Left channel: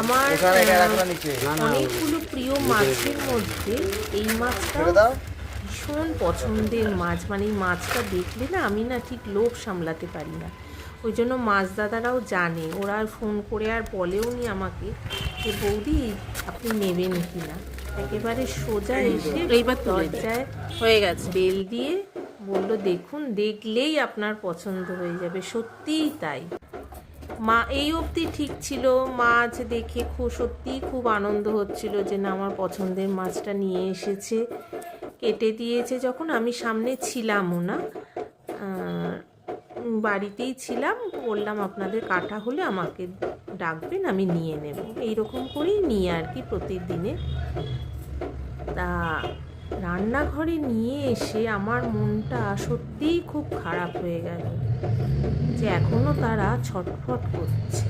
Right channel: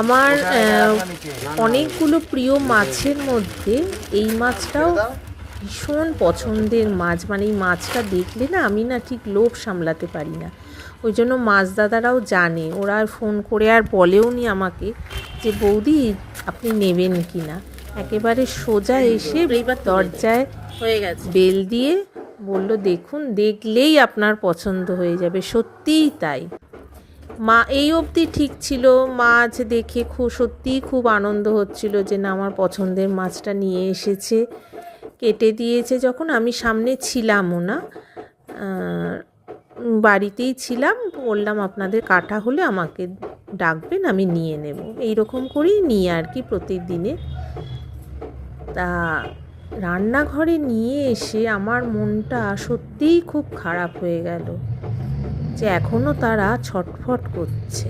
আমার অনেকগুলো প্রিয় মাছের মধ্যে এই মাছটাও ভীষণ পছন্দের মাছ। মানে এই মাছটা দেখলে না আমি না ঠিক লোভ সামলাতে পারি না। ওই জন্য মাছ দাদারাও জানে, ওরা আর ফোন করে আর বলেও নি আমাকে যে বৌদি আপনি নেবেন কি না। একেবারে সোজা এসে এইবার দরজায় হয়ে গেছে বেল দিয়ে বলল, দেখুন দেখলেই আপনার পছন্দ হয়ে যাবে। সত্যিই তাই। মা এই অবধি ঠিক ছিল, মাছ দেখে সত্যিই খুব আনন্দ হচ্ছিল যে না আমার পছন্দের মাছটা নিয়ে এসেছে, কেটে দিয়েছে। যখন আমি সামনে ছিলামও না, বাড়িতেই ছিলাম, বললাম আপনাদের কাটা হলে আমাকে ডাকবেন, আমি নিয়ে নেব। এইরকম করেই নিয়ে আর কি প্রতিদিনে। তা রান্নাঘরে নিয়ে এসে আমার মনটা সত্যিই খুব খারাপ হয়ে গেল যে এখনও তারা ছটফট করছে।